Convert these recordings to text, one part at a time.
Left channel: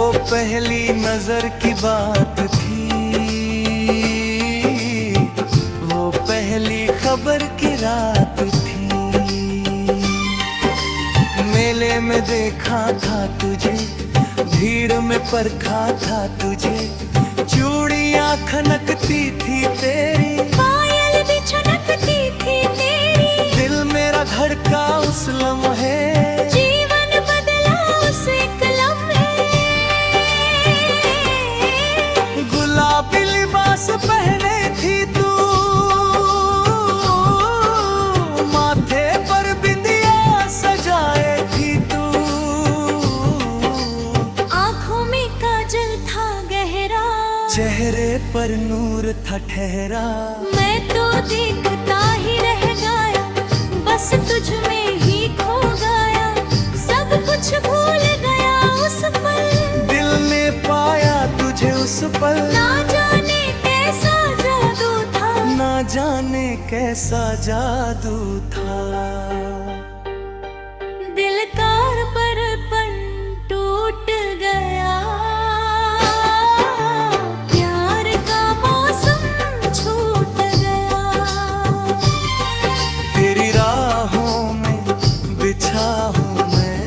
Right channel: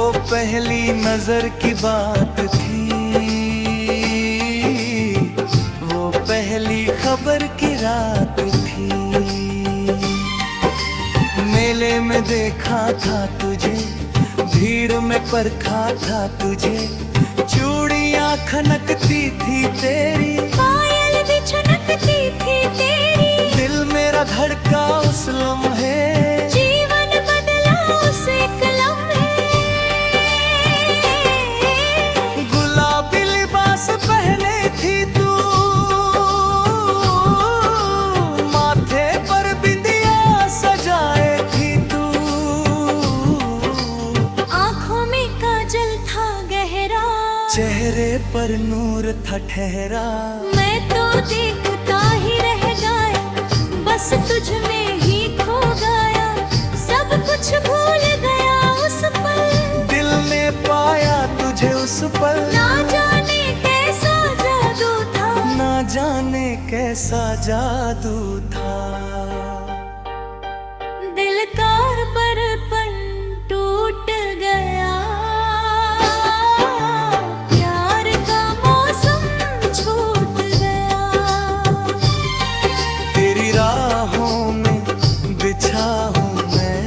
वो पहली नजर की बात थी, वो पहली खबर की रात थी। मेले में देखा था तुझे, भीड़ में परखा था तुझे, चूड़ियां खनकती थी तेरी, पायल भी छनकती थी तेरी। दिल मेरा धड़का उस लम्हे, जीवन बदला उस एक लम्हे। गुलाबी लिबास पहने थी तू, माथे पर बिंदिया सजाए थी तू, आँखों में काजल था गहरा, चेहरे पर नूर था ठहरा। मैं तो देखता ही रह गया, बस तुझ में ही खो गया, सब कुछ भूल गया उस पल। दिल ने पाया तुझे उस पल, ना जाने कैसा जादू था, ना जाने कैसा जादू था। दिल का दर्पण टूट गया, प्यार का मौसम छूट गया। तेरी राहों में बिछा हूँ मैं,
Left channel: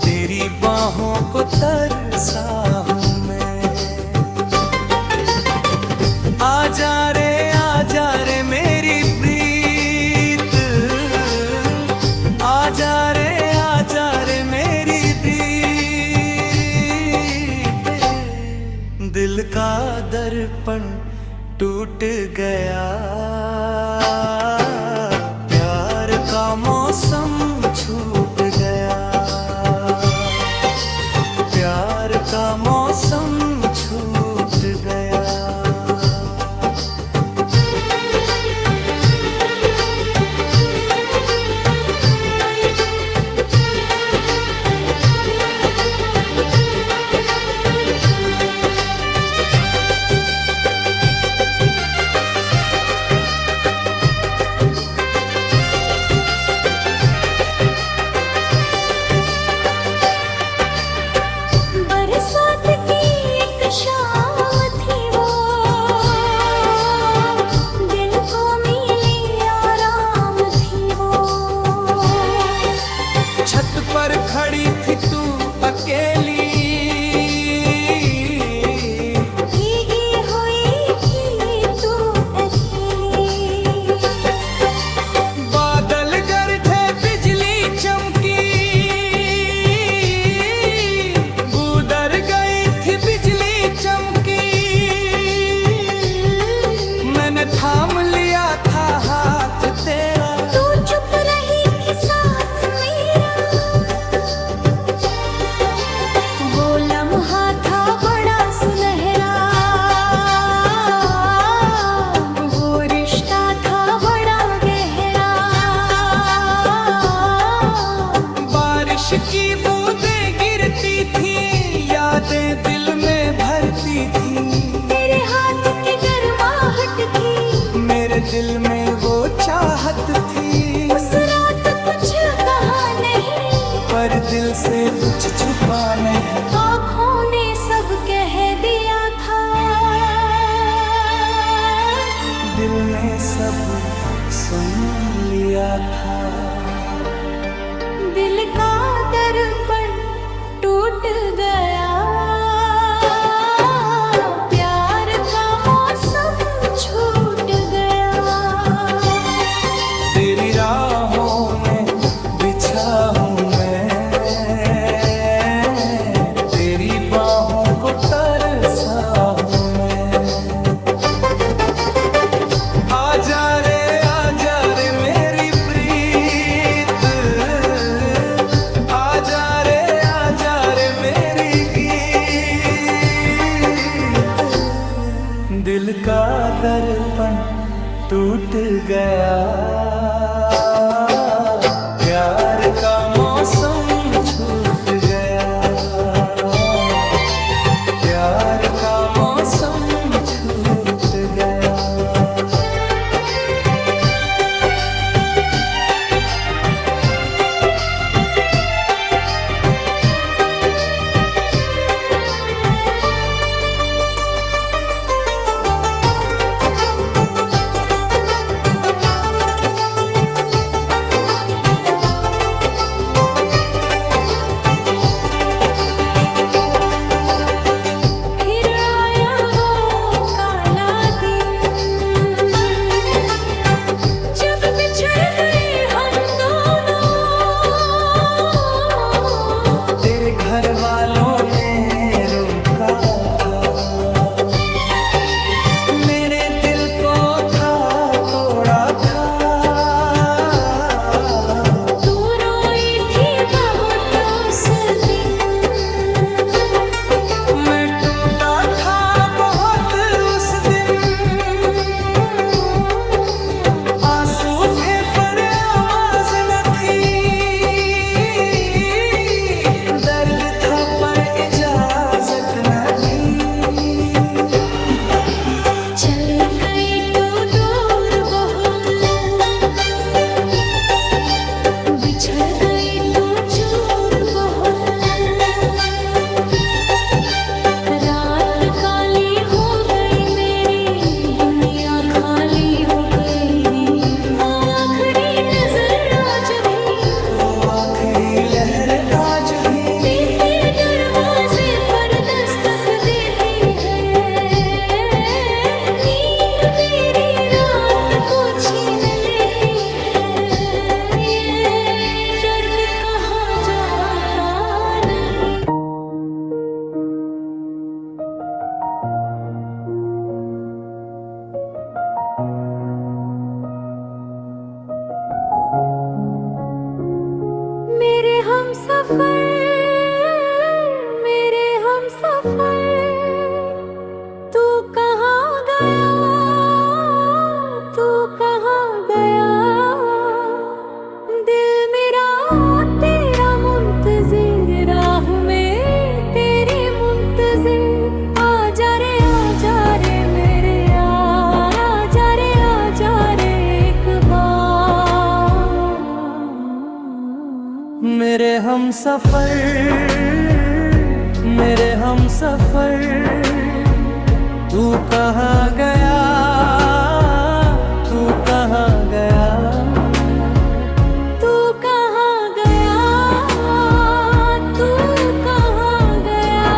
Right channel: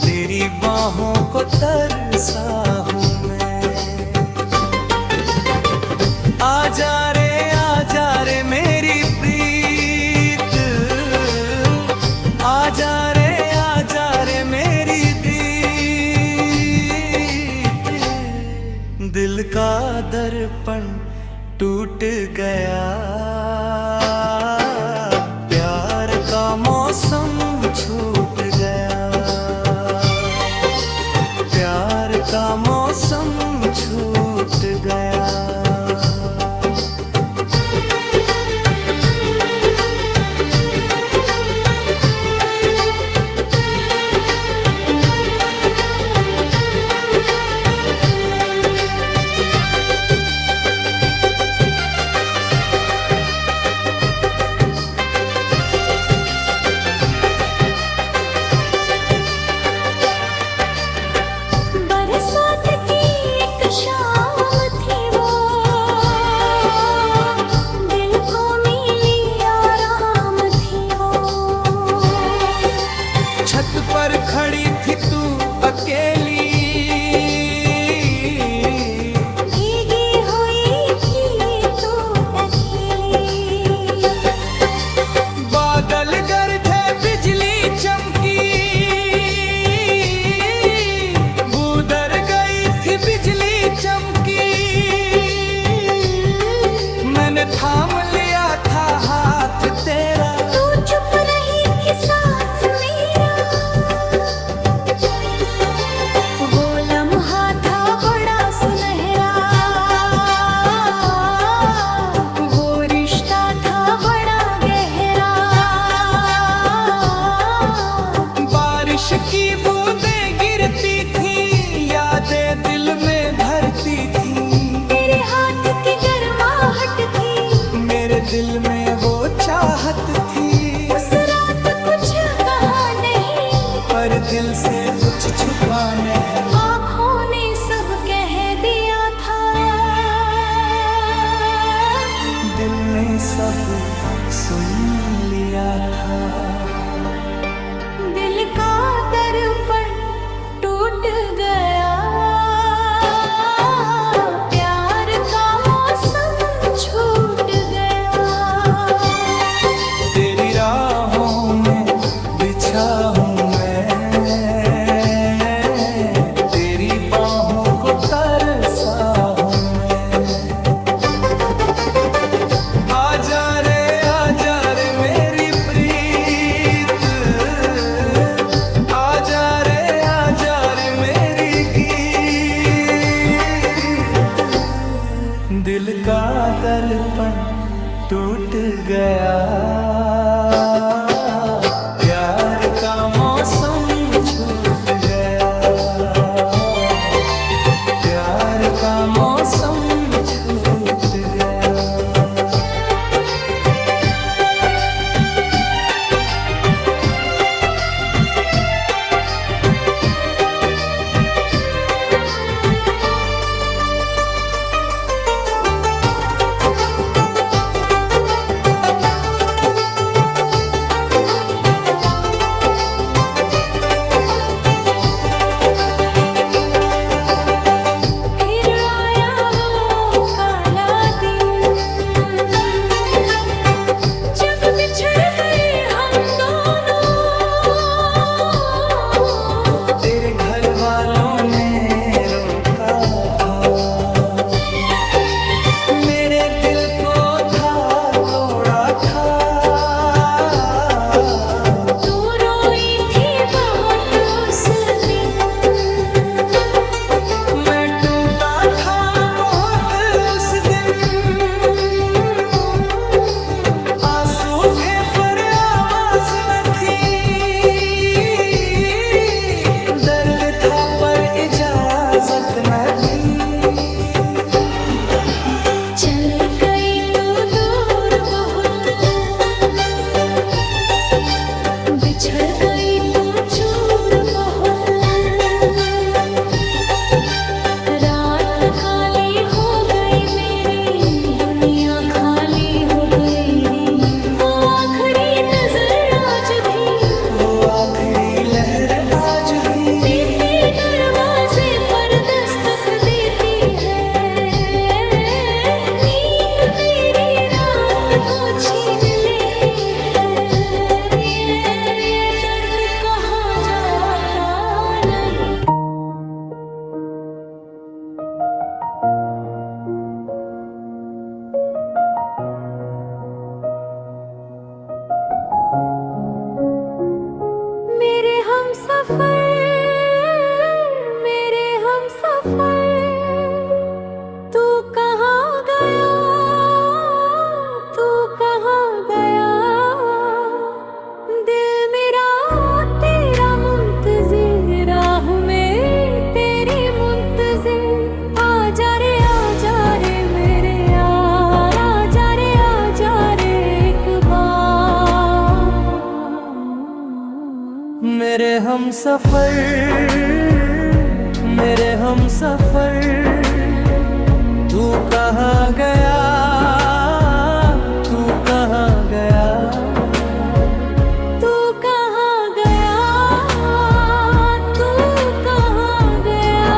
तेरी बाहों को तरसा हूँ मैं। आजा रे मेरी प्रीत, आजा रे मेरी प्रीत। दिल का दर्पण टूट गया, प्यार का मौसम छूट गया, प्यार का मौसम छूट गया। बरसात की एक शाम थी वो, दिल को मिली आराम थी वो। छत पर खड़ी थी तू अकेली, भीगी हुई थी तू अकेली। बादल गरजे बिजली चमकी, बूदर गई थी बिजली चमकी। मैंने थाम लिया था हाथ तेरा, तू चुप रही थी साथ मेरा। वो लम्हा था बड़ा सुनहरा, वो रिश्ता था बड़ा गहरा। बारिश की बूंदें गिरती थी, यादें दिल में भरती थी। तेरे हाथ की गर्माहट थी, मेरे दिल में वो चाहत थी। उस रात कुछ कहा नहीं, पर दिल से कुछ छुपा नहीं। आँखों ने सब कह दिया था, दिल ने सब सुन लिया था। दिल का दर्पण टूट गया, प्यार का मौसम छूट गया। तेरी राहों में बिछा हूँ मैं, तेरी बाहों को तरसा हूँ मैं। आजा रे मेरी प्रीत, आजा रे मेरी गीत। दिल का दर्पण टूट गया, प्यार का मौसम छूट गया, प्यार का मौसम छूट गया। घर वालों ने रोका था, मेरे दिल को था तोड़ा था। तू रोई थी बहुत उस दिन, मैं टूटा था बहुत उस दिन। आंसू थे पर आवाज न थी, दर्द था पर इजाजत न थी। चले गई तू दूर बहुत, बिछड़ गई तू चूर बहुत। रात काली हो गई मेरी, दुनिया खाली हो गई। वो आखिरी नजर आज भी, वो आखिरी लहर आज भी बीते दरवाजे पर दस्तक देती है। नींद मेरी रात को छीन लेती है। ये दर्द कहाँ जाता नहीं। मेरे हमसफर, मेरे हमसफर, तू कहाँ गया, तू कहाँ गया। दिल मेरा तेरा मुंतज़िर, राह में तेरी मुंतज़िर। आजा रे मेरे यार, आजा रे एक बार। मेरे हमसफर, मेरे हमसफर, तू कहाँ गया, तू कहाँ गया। तू कहाँ गया, तू कहाँ गया।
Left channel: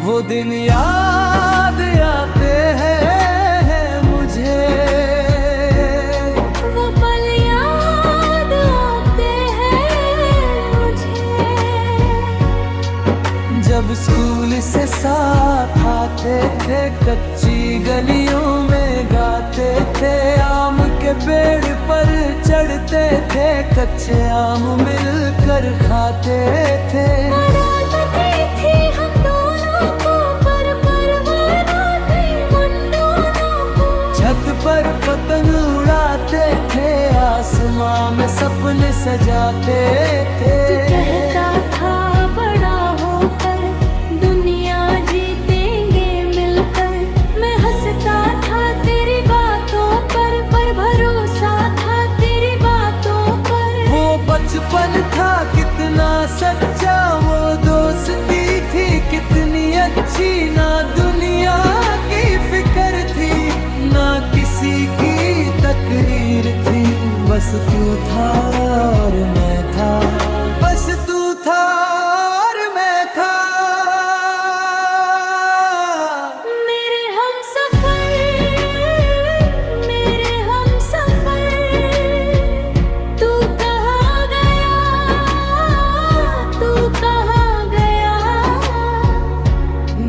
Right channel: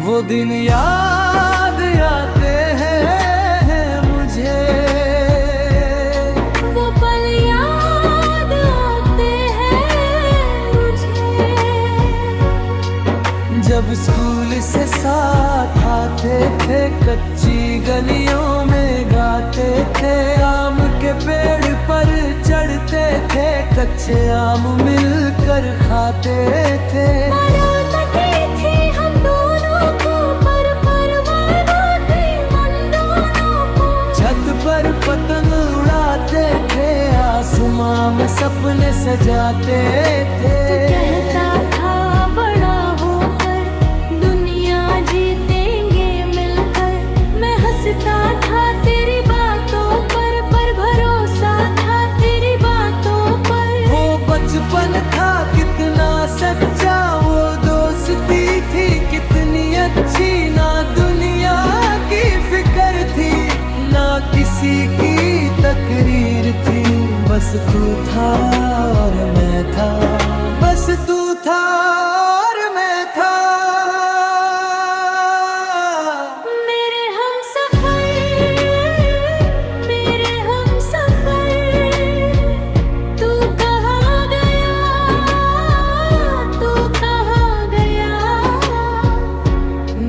वो दिन याद आते हैं मुझे, वो पल याद आते हैं मुझे। जब स्कूल से साथ आते थे, कच्ची गलियों में गाते थे। आम के पेड़ पर चढ़ते थे, कच्चे आम मिलकर खाते थे। मरामती थी हम दोनों को, पर परवाना थी उन दोनों को। छत पर पतंग उड़ाते थे, आसमां में सपने सजाते थे। तू कहता था बड़ा होकर दुनिया जीतेंगे मिलकर। मैं हंसता था तेरी बातों पर भरोसा था तेरी बातों पर। वो बचपन था कितना सच्चा, वो दोस्ती थी कितनी अच्छी। ना दुनिया की फिक्र थी, ना किसी की तकरीर थी। बस तू था और मैं था, बस तू था और मैं था। मेरे हमसफर, मेरे हमसफर, तू कहाँ गया, तू कहाँ गया।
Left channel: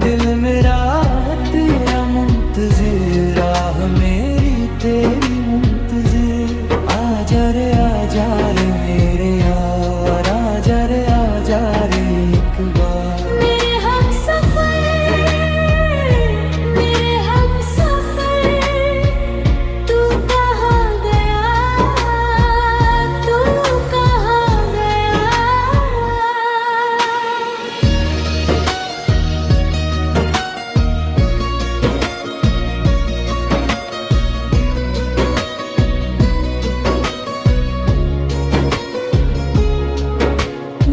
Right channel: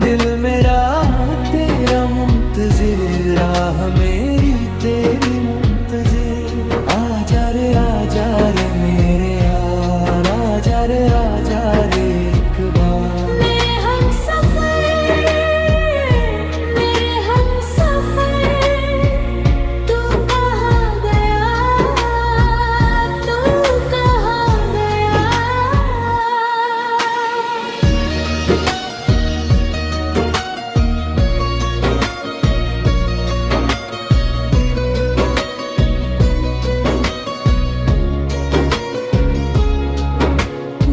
दिल मेरा तेरा मुंतज़िर, राह मेरी तेरी मुंतज़िर। आजा रे मेरे यार, आजा रे एक बार। मेरे हमसफर, मेरे हमसफर, तू कहाँ गया, तू कहाँ गया।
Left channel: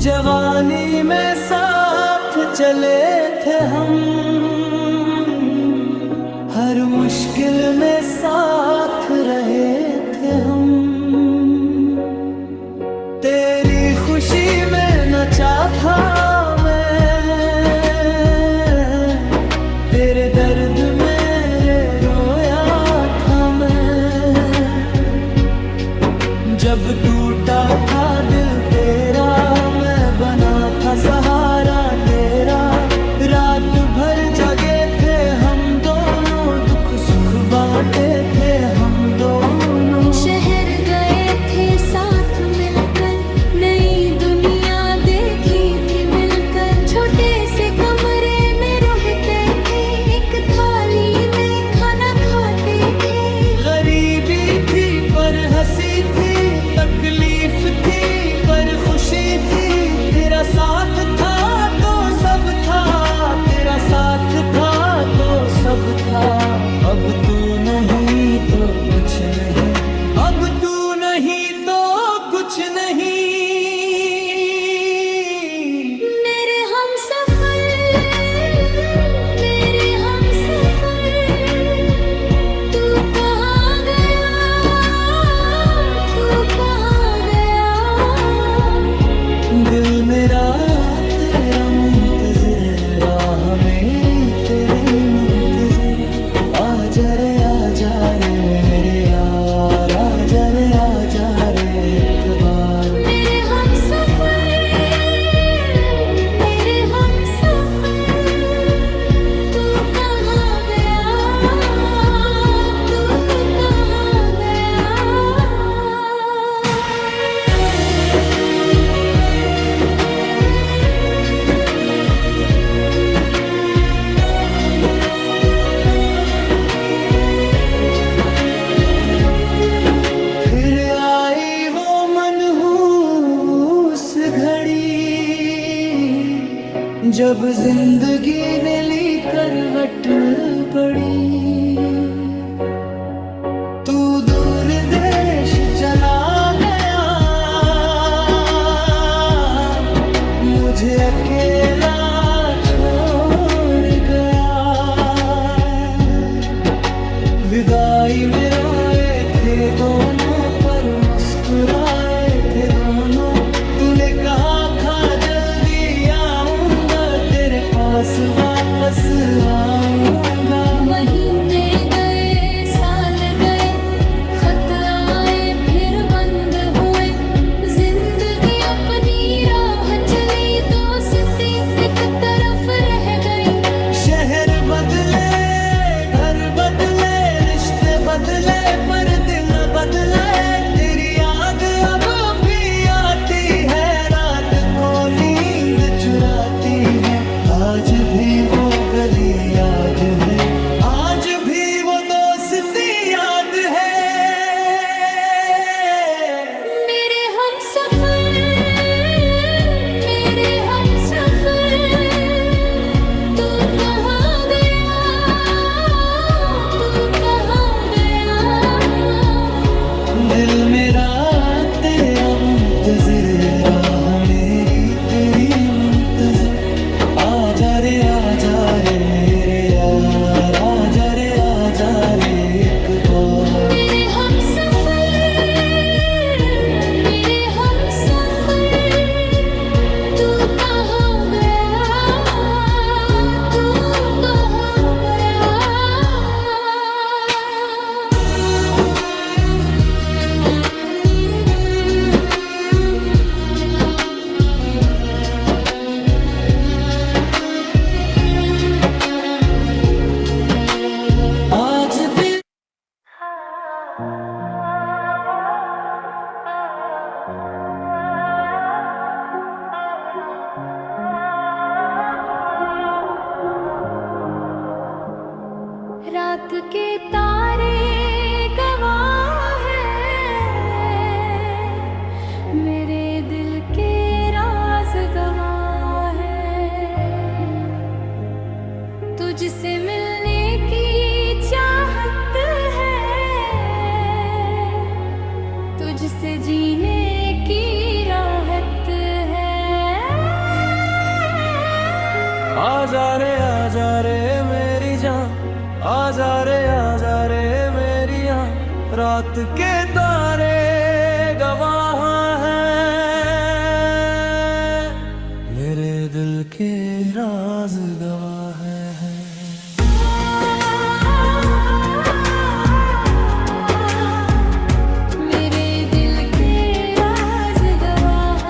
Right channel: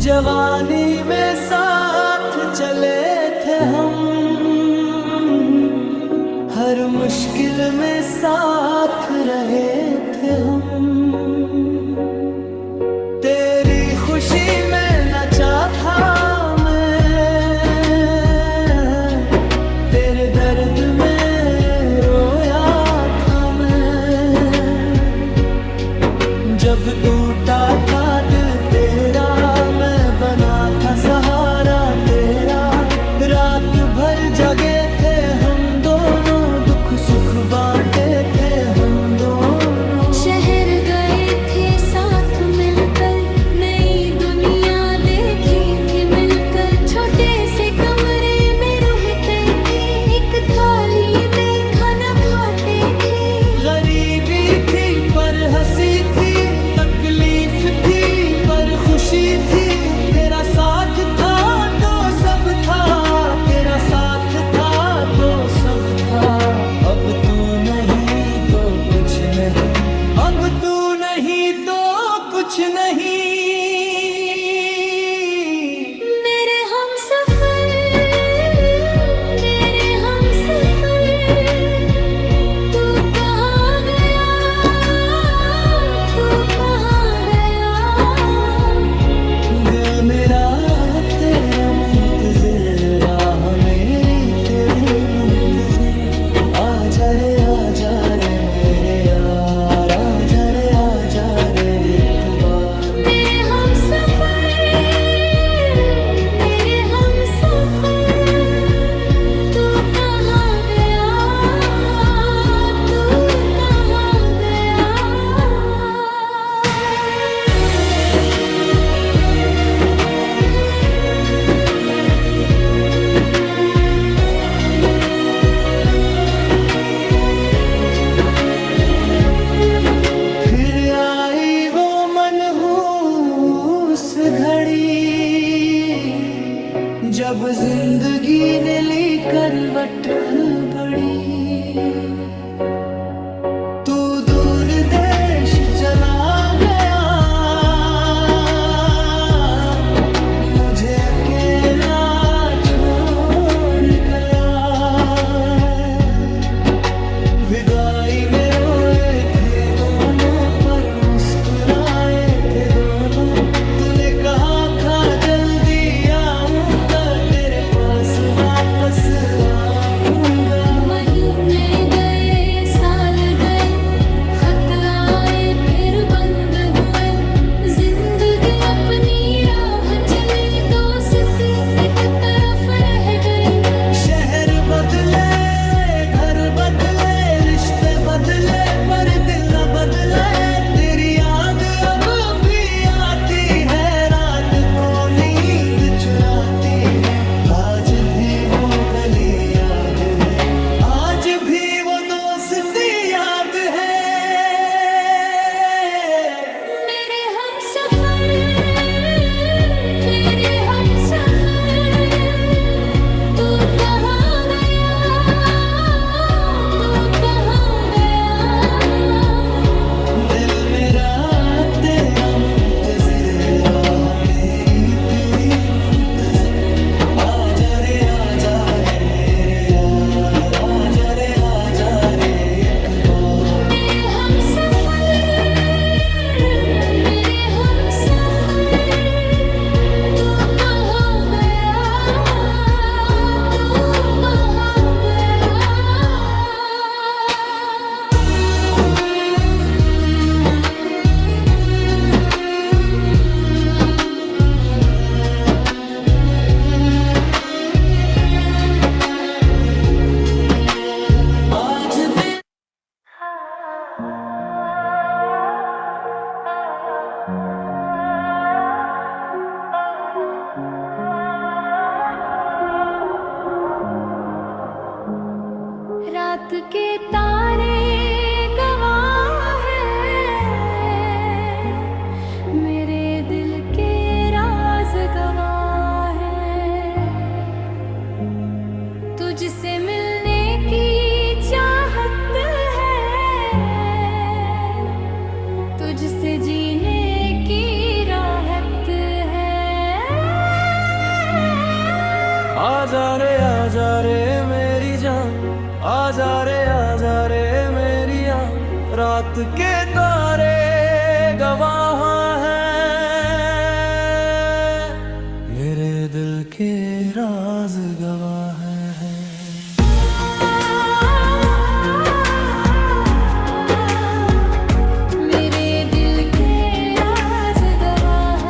जवानी में साथ चले थे हम, हर हर मुश्किल में साथ रहे थे हम। तेरी खुशी में नचा था मैं, तेरे दर्द मेरे रोया था मैं। जब टूटा था दिल तेरा, मैं बना था सहारा तेरा। रात भर जगे थे हम दोनों, दुख सुख बांटे थे हम दोनों। शहर गए थे साथ मिलकर, नई दुनिया देखी थी मिलकर। छोटे से कमरे में रहते थे, एक थाली में खाना खाते थे। गरीबी थी पर हंसी थी, तकलीफ थी पर खुशी थी। तेरा साथ था तो सब था, तेरा साथ था तो सब था। अब तू नहीं तो कुछ नहीं, अब तू नहीं तो कुछ नहीं। मेरे हमसफर, मेरे हमसफर, तू कहाँ गया, तू कहाँ गया। दिल मेरा तेरा मुंतजिर, राह मेरी तेरी मुंतजिर। आजा रे मेरे यार, आजा रे एक बार। मेरे हमसफर, मेरे हमसफर, तू कहाँ गया, तू कहाँ गया। फिर आई वो मनहूस घड़ी, जब जिंदगी ने ली करवट बड़ी। तू दूर देश चला गया, मुझे अकेला छोड़ गया। विदाई में रोए थे दोनों, पर मुस्कुराए थे दोनों। तूने कहा था जल्दी आऊंगा, तेरे पास वापस आऊंगा। महीने गए, साल गए, खत आए फिर बंद हुए। जिंदगी अपनी राह चली, दोस्ती एक तरफ रह गई। शहर बदले, घर बदले, रिश्ते बदले, पर दिल न बदले। तेरी याद अब भी आती है, रात को नींद चुराती है। आज भी वो गली याद है, आज भी वो दोस्ती याद है। मेरे हमसफर, मेरे हमसफर, तू कहाँ गया, तू कहाँ गया। दिल मेरा तेरा मुंतजिर, राह मेरी तेरी मुंतजिर। आजा रे मेरे यार, आजा रे एक बार। मेरे हमसफर, मेरे हमसफर, तू कहाँ गया, तू कहाँ गया। आज भी रात के तारे गवाह हैं, मेरे दिल के राज गवाह हैं। तुझसे मिलने की चाहत है, तुझसे जीने की राहत है। आजा रे मेरी जान, आजा रात के तारे गवाह हैं, मेरे दिल के राज गवाह हैं। मेरे दिल के राज गवाह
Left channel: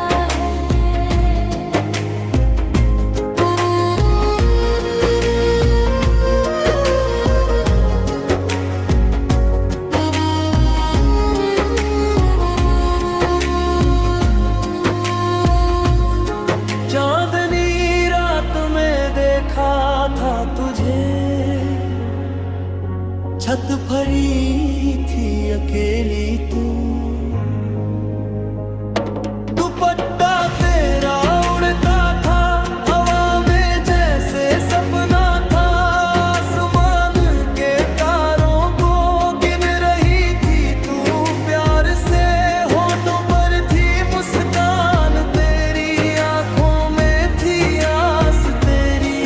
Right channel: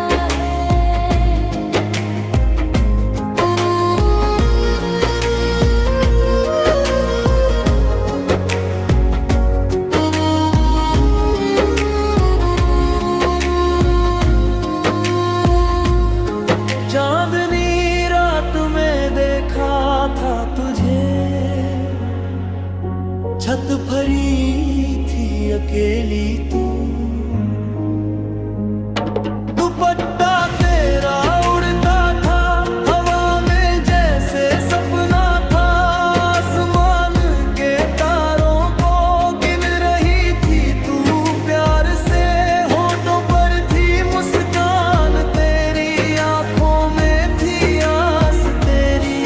चांदनी रात में देखा था तुझे, छत भरी थी अकेली तू, दुपट्टा तेरा उड़ता था हवा में जैसे सपना था, आसमान के तारों को गिन रही थी तू, प्यार से होठों पर थी मुस्कान तेरी, आंखों में थी आस तेरी।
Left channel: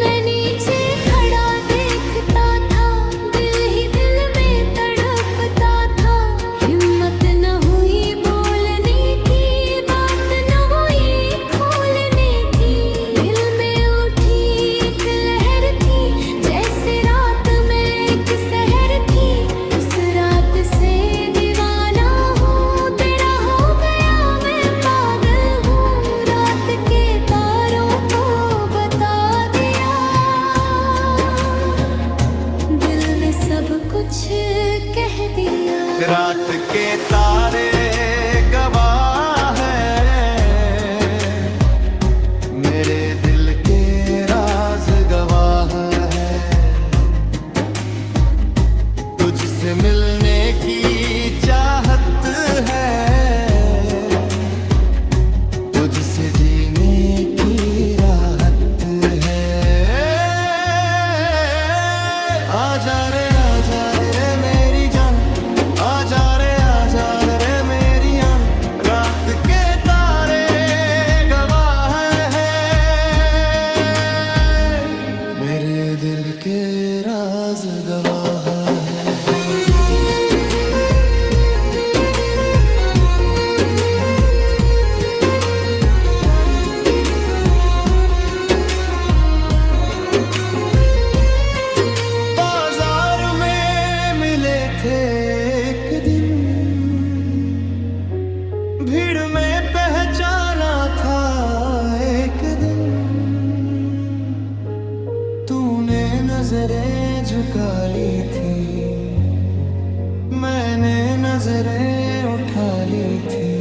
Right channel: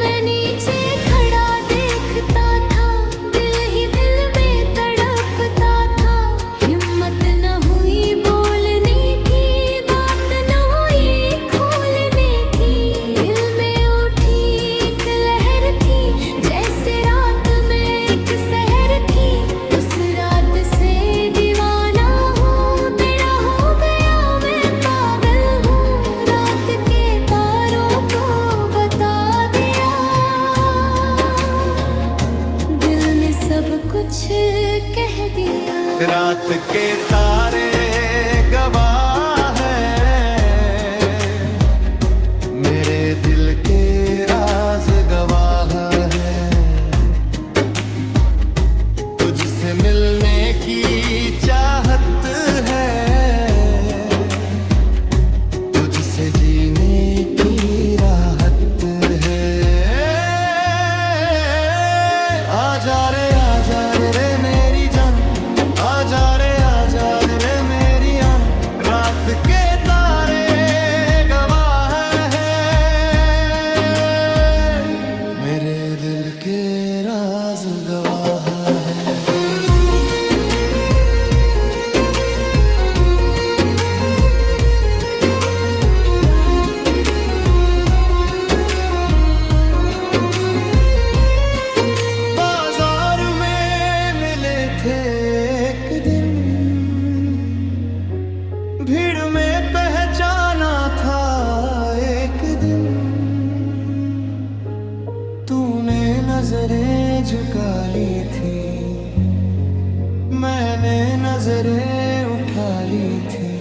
मैं नीचे खड़ा देखता था, दिल ही दिल में तड़पता था, हिम्मत न हुई बोलने की, बात न हुई खोलने की, दिल में उठी एक लहर थी, जैसे रात में एक सहर थी, उस रात से दीवाना हूँ, तेरा हो गया मैं पागल हूँ, रात के तारों को बता दिया, दिल ने सब कुछ कह दिया। रात के तारे गवाह हैं, मेरे दिल के राज गवाह हैं, तुझसे मिलने की चाहत है, तुझसे जीने की राहत है। आजा रे मेरी जान, आजा रे मेरी आन, रात के तारे गवाह हैं, मेरे दिल के राज गवाह हैं। बाजार में मिले थे एक दिन, भीड़ में पहचाना था एक दिन, तूने नजरें झुका ली थी, मैंने नजरें उठा ली थी,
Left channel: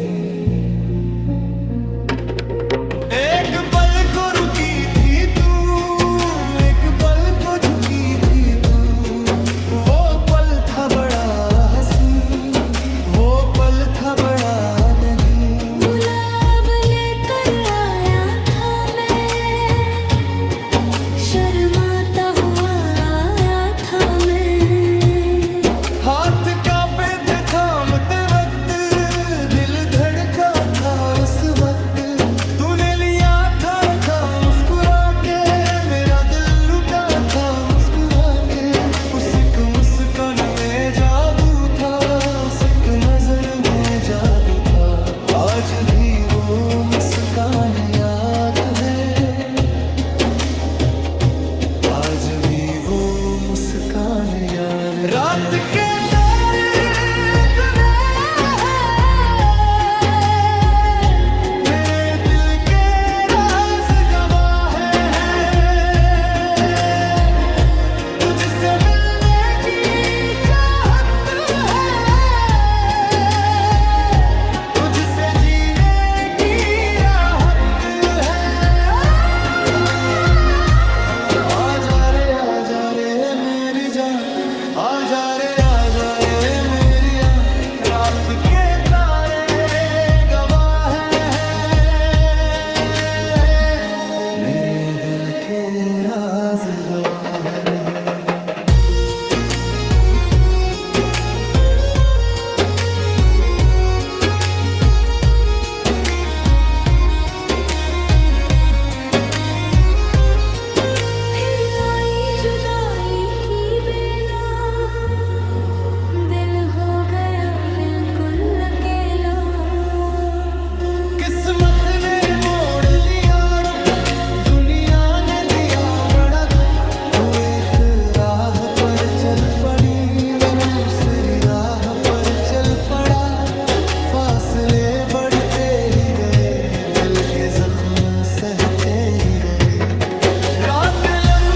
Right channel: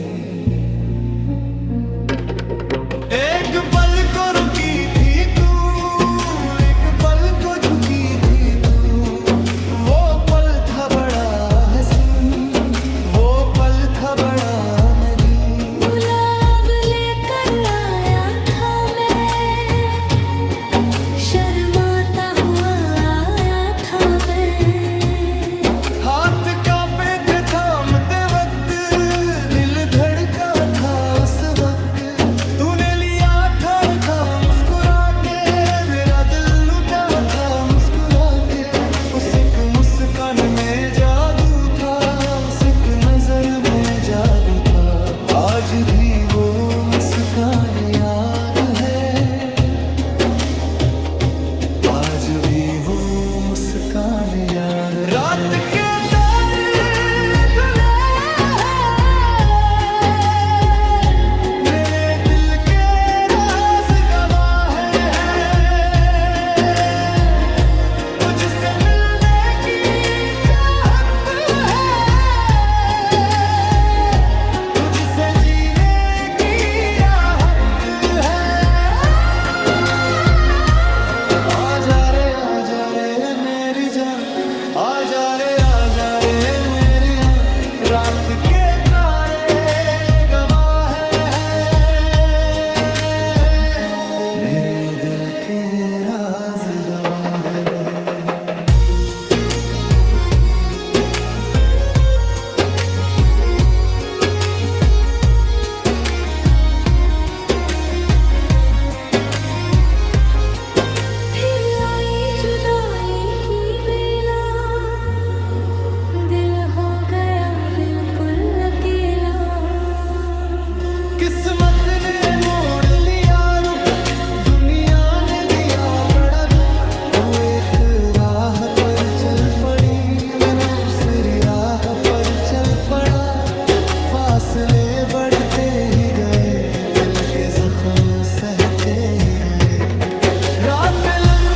एक पल को रुकी थी तू, एक पल को झुकी थी तू, वो पल था बड़ा हसीन, वो पल था बड़ा नगीन। गुलाब लेकर आया था मैं, शर्माता हुआ आया था मैं, हाथ कांपे थे थामते वक्त, दिल धड़का था उस वक्त, तूने लिया था रखा मुस्कुरा के, मेरा दिल लुटा था मुस्कुरा के, उस एक मुस्कान में जादू था, उस एक नजर में जादू था, आज भी वो मुस्कान याद है, आज भी वो मुस्कान याद है। रात के तारे धुले हैं, मेरे दिल के राज गवाह हैं, तुझसे मिलने की चाहत है, तुझसे जीने की राहत है। आजा रे मेरी जान, आजा रे मेरी आन, रात के तारे गवाह हैं, मेरे दिल के राज गवाह रहे। फिर आई जुदाई की बेला, राह पर चल पड़ी, मैं दूसरी राह पर चल पड़ा। फासले बढ़ते ही गए, दिल के जख्म सहते ही गए। रात लंबी